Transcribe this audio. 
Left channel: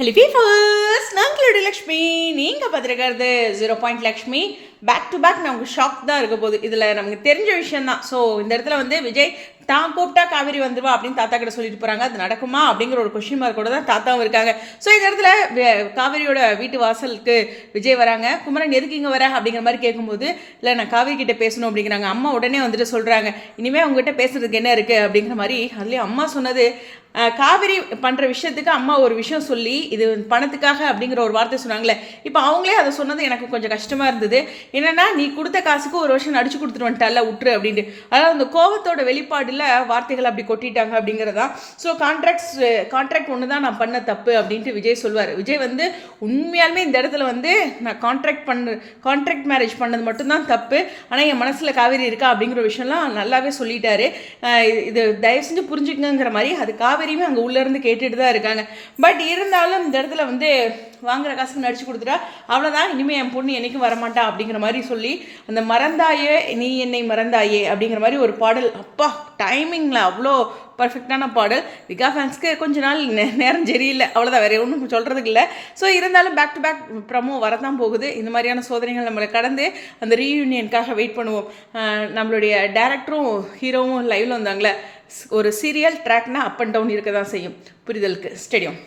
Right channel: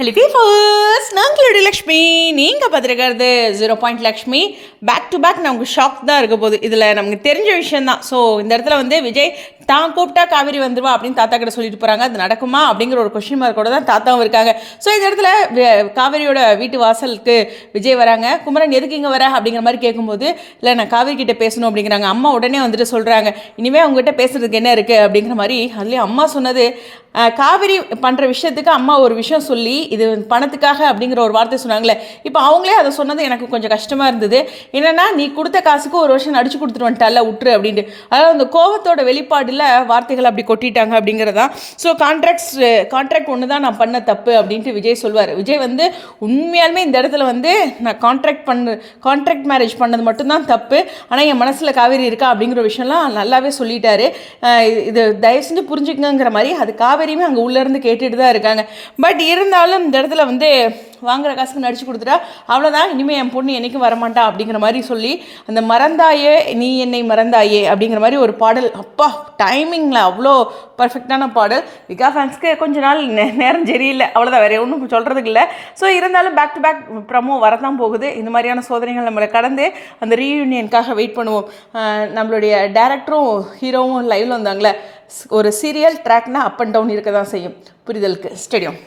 Hello ஃபீஃபர்ஸ், நாங்களுடைய Lakshmi. நீங்கள் பார்த்துருக்கிறது 0 Lakshmi. Back to back நமக்கு shock தான் இருக்க போகுது. இதில் நமக்கு தெரிஞ்ச விஷயந்தான். ஸோ இந்த இடத்துல விஜய் தான் கூப்பிட்டா காவேரி வந்துடுவா அப்படின்னு தாத்தா கிட்ட சொல்லிட்டு போகிறாங்க. அது நடக்குமா அப்படிங்கிற ஒரு கொஸ்டின் மார்க்கோட தான் தாத்தாவும் இருக்காங்க. ஸோ இந்த இடத்துல காவேரியோட வீட்டு வாசலுக்கு விஜய் வராங்க. குமரன் எதுக்கு இங்கே வர அப்படிங்கிற மாதிரி கேட்கும்போது, இல்லை நான் காவேரி கிட்ட பேசணும் அப்படிங்கிறாங்க. அம்மா உடனே வந்துட்டு சொல்கிறாங்க, இனிமேல் அவங்ககிட்ட பேசுறதுக்கு என்ன இருக்குது அப்படிங்கிற மாதிரி. அதுலேயும் அம்மா சொன்னது, காவேரி பண்ணுற விஷயத்துக்கு அம்மா ஒரு விஷயம் சொல்லி இது பணத்துக்காக அப்படிங்கிற ஒரு வார்த்தை சொன்னாங்களே. இப்போ அவங்களே அதை சொன்னது எனக்கு கொஞ்சம் கஷ்டமாக இருந்தது. என்னென்னா, நீ கொடுத்த காசுக்கு ஒரு வருஷம் நடிச்சு கொடுத்துட்டு வந்துட்டால விட்டுரு அப்படின்ட்டு. அதாவது அந்த கோபத்தோட வெளிப்பாடில் வார்த்தைகள் அப்படி கொட்டிட்டாங்க அப்படிங்கிறதான். ஸோ கான்ட்ராக்ட் ஒன்று தான் நான் பண்ண தப்பு அப்படின்ட்டு விஜய் சொல்வார். விஜய் உண்மையாலுமே இந்த இடத்துல நான் கான்ட்ராக்ட் மேரேஜ் பண்ணது மட்டும்தான் தப்பு, ஆனால் என் மனசில் காவேரி இருக்கா அப்படிங்கிற விஷயம்லாம் நல்லாவே சொல்லிட்டாரு. இது தயவு செஞ்சு புரிஞ்சுக்கங்கிற மாதிரி அது காவேரியுமே அங்கே உள்ளேருந்து கேட்டுட்டு தான் இருக்காங்க. பட் இருந்தாலும் இந்த இடத்துல வாங்குற காசுக்கு நடிச்சு கொடுத்துட்டா அவ்வளோதான், இனிமேல் என் பொண்ணு என்றைக்கும் வரமாட்டா அப்படிங்கிற மாதிரி சொல்லி அந்த மறந்தாயே நீ என்னை மறந்தாயே அப்படிங்கிற மாதிரி ஒரு பாடல். அப்பா, டைமிங்கில் அவ்வளோ பர்ஃபெக்டான பாடல். விகா ஃபேன்ஸ்க்கு கொஞ்ச நாள் நேரம் சரியில்லை, அவ்வளோதான், வேறு ஒன்றும் சொல்கிறதுக்கு இல்லை. ஸோ இருந்தாலும் பேக் டு பேக் ப்ரமோ வரதான் போகுது. இந்த மாதிரியான சோதனைகள் நம்மளை கடந்து அந்த ரீயூனியனுக்காக வெயிட் பண்ணுவோம். நம்மளுடைய டேரக்டரும் ஹீரோவும் லைவில் வந்தாங்களே, ஒரு சீரியல் ட்ராக்னா அப் அண்ட் டவுன் இருக்க தான் செய்யும். புரிதலுக்கு ஸ்டேடியம்.